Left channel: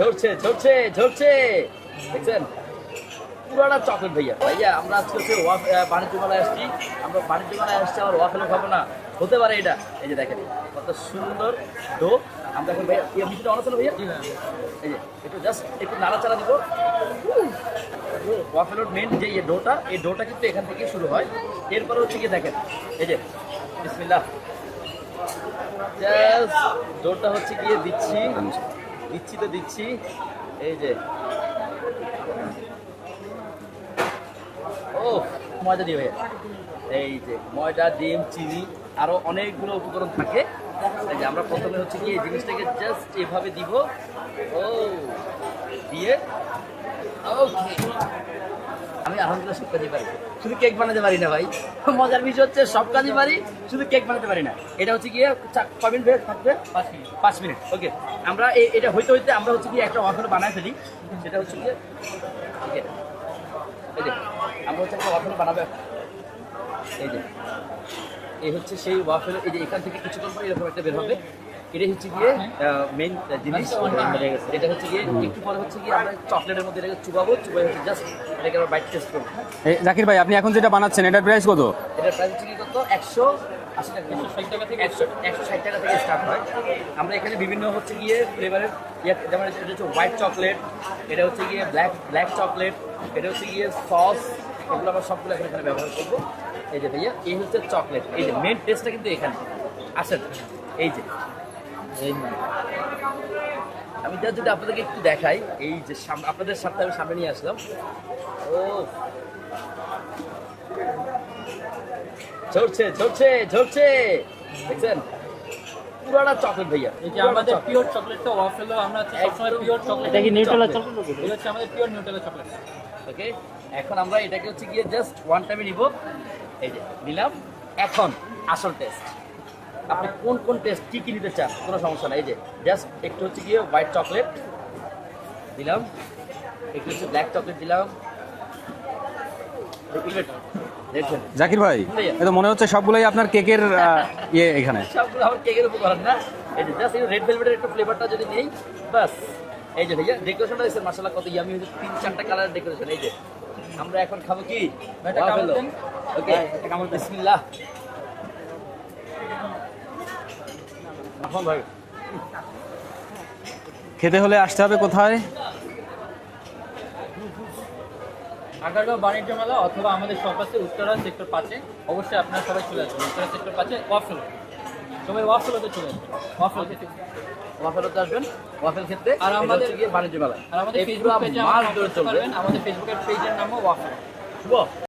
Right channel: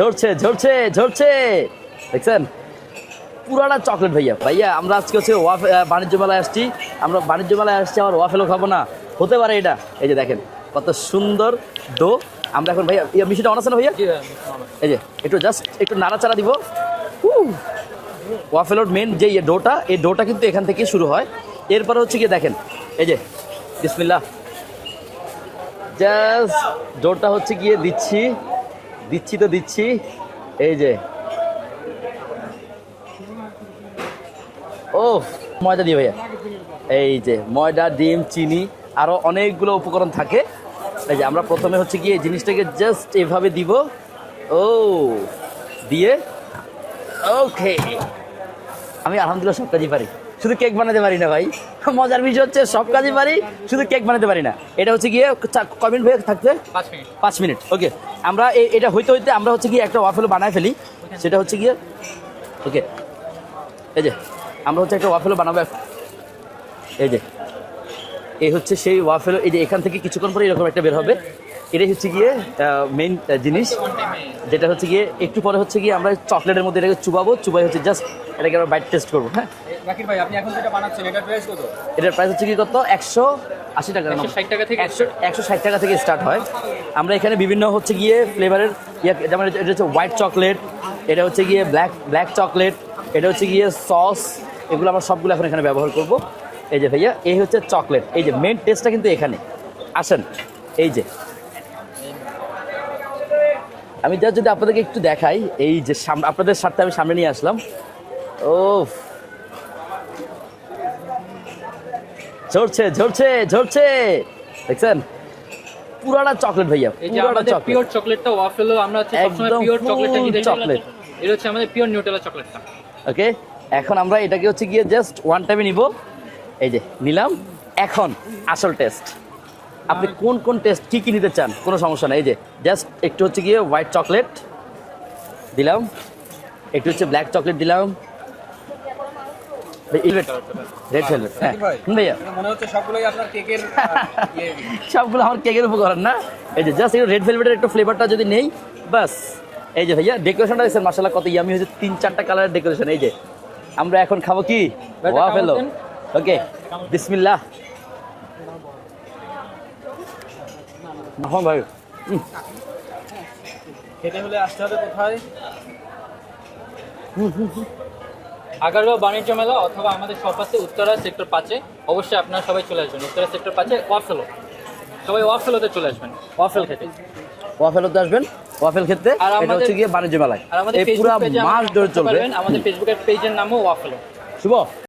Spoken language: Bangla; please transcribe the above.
ঝরছে ঝরছে ঝরছে। দেখছেন? পুরাটা চকলেট ভাইয়া। ভাইয়া আমরা আজকে হচ্ছে ওয়াফ বাণিজ্য মেলায় আসছি। আমরা বাণিজ্য মেলায় আসছি আমার ওয়াফেলও খাব না। হতে পারে এটা। এই যে দেখেন কত সুন্দর ডো। আমরা এখন ভাইয়া ইয়া মিষ্টিটা অন না ভাইয়া? এই যে একটু জাস্ট একটু নাড়াচাড়া দিব। ওয়াফেলোর মেন যে ডোটা এই ডোটা কিন্তু এখান থেকে শুরু হয়। এরপরে হচ্ছে গিয়ে দেখেন এই যে বিসমিল্লা জাস্ট ডোটা হচ্ছে গিয়ে দিচ্ছি। দিচ্ছি তো দিচ্ছি। এই যে। ও ময়দা দিয়ে ভাইয়া। এই যে, ময়দা, ডিম, চিনি আরও অনেকগুলো উপকরণ থাকে। এই যে, আমরা প্রথমে হচ্ছে কি এই জিনিসটাকে জাস্ট এভাবে দিব। ও, দিয়ে। ওকে। আমি আলহামদুলিল্লাহ সব কাজই পারি। শুধু কেক বানাতে পারি না ভাই। মজার বিষয় হচ্ছে সব কাজই পারি শুধু কেক বানাতে পারি না। এটা হচ্ছে গিয়ে চা- ক মিনিট ভাই থাকতে? পাঁচ মিনিট। ওকে। আমরা এটা হইতে হইতে আমরা হচ্ছে গিয়ে একটা ওয়াফেল বানায় ফেলি। সেটা হচ্ছে গিয়ে ওকে। এই যে আমরা হচ্ছে একটা ওয়াফেল বানাবো এই যে। এই হচ্ছে সেই ওয়াফেল এই যে এখান থেকে কিছুক্ষণ পরে এরকম একটা বের হবে। এটাই হচ্ছে গিয়ে মেইন জিনিস। যেটা হচ্ছে গিয়ে একটু পরে হচ্ছে গিয়ে আমরা চকলেটের মধ্যে এটাকে চুবাবো চুবাই হচ্ছে জাস্ট এটাকে আমরা বাইট টেস্ট করব হ্যাঁ? জাকির ভাই আপনি এখন যেটা বানাচ্ছেন এটার প্রাইস কত? এটার প্রাইস হচ্ছে কি কত? একশো আশি টাকা। ষাট টাকা থেকে একশো একশো ষাট টাকা থেকে স্টার্ট হয়। আমরা এখানে বিভিন্ন হচ্ছে গিয়ে ফ্লেভারের ইয়ে যেমন এটা এটা হচ্ছে হোয়াইট চকলেট এটা হচ্ছে গিয়ে ব্ল্যাক ব্ল্যাক চকলেট এটা হচ্ছে গিয়ে সস এগুলো আমরা সবগুলো এখন এখানে ব্যবহার করব। এই যে ভাইয়া এই হচ্ছে চকলেট এই যে মেন টেস্টটা কিন্তু এখানে। আসেন এই যে। আমি যা যদি আপনাদেরকে একটু দেখাই এই যে আপনাদের সাথে আমি সামনে নিয়ে আসলাম। ও ঝরছে ঝরছে ঝরছে। দেখছেন? পুরাটা চকলেট ভাইয়া এই যে আমাদের পিওর চকলেটটা ওয়াফেল আমরা হচ্ছে সবসময় পিওর চকলেটটা কিনে chocolate। এটা হচ্ছে আমাদের পিওর নিউটেলা চকলেটটা ওকে এখন আমরা এটাকে হচ্ছে গিয়ে জাস্ট ওয়ান টাইমে নিব। এই যে নিলাম। এখন আসল টেস্ট আপনি কোন কোন টেস্ট কি কি নিতে চান? কোনো সমস্যা নাই। এই যে জাস্ট একটু হচ্ছে গিয়ে হোয়াইট চকলেট দিলাম। একটু হচ্ছে ব্ল্যাক চকলেট দিলাম। জাকির ভাই এটা মনে হচ্ছে সবগুলাই আপনার কেকের ইয়ে এখানে। সবগুলো আমার কেকের উপকরণ না। এই যে জাস্ট রেড ভেলভেটের একটু ফ্লেভারটা যদি নেই বাস। এই যে ভাইয়া ডেকোরেশনটা দেখছেন? মাসাল্লাহ কত ইয়ামি হয়েছে। তিন চারটা কালারের ডেকোরেশন এই যে আমরা এখন খাব কি? ওয়া ফেলো ওকে। বিসমিল্লাহ। হ্যাঁ ভাই খেতে হলে আসতে হবে কোথায়? আগারগাঁও বাণিজ্য মেলা অথবা আমাদের শপ আছে উত্তরা সেক্টর পাঁচে। অবশ্যই আপনারা সবাই চলে আসবেন। উত্তরা সেক্টর পাঁচে ওয়াফেলো। সবাই ওয়াফেলোতে চলে আসবেন ওয়াফেল খেতে। ওয়া ফেলোতে আসবেন ওয়াফেল খেতে। আর আমাদের- হচ্ছে গিয়ে বাণিজ্য মেলায়। আর আমাদের এই পুরো মাস ধরে চলবে। আমাদের ফেসবুকের পেজের নামও ওয়াফেলো। শুভ।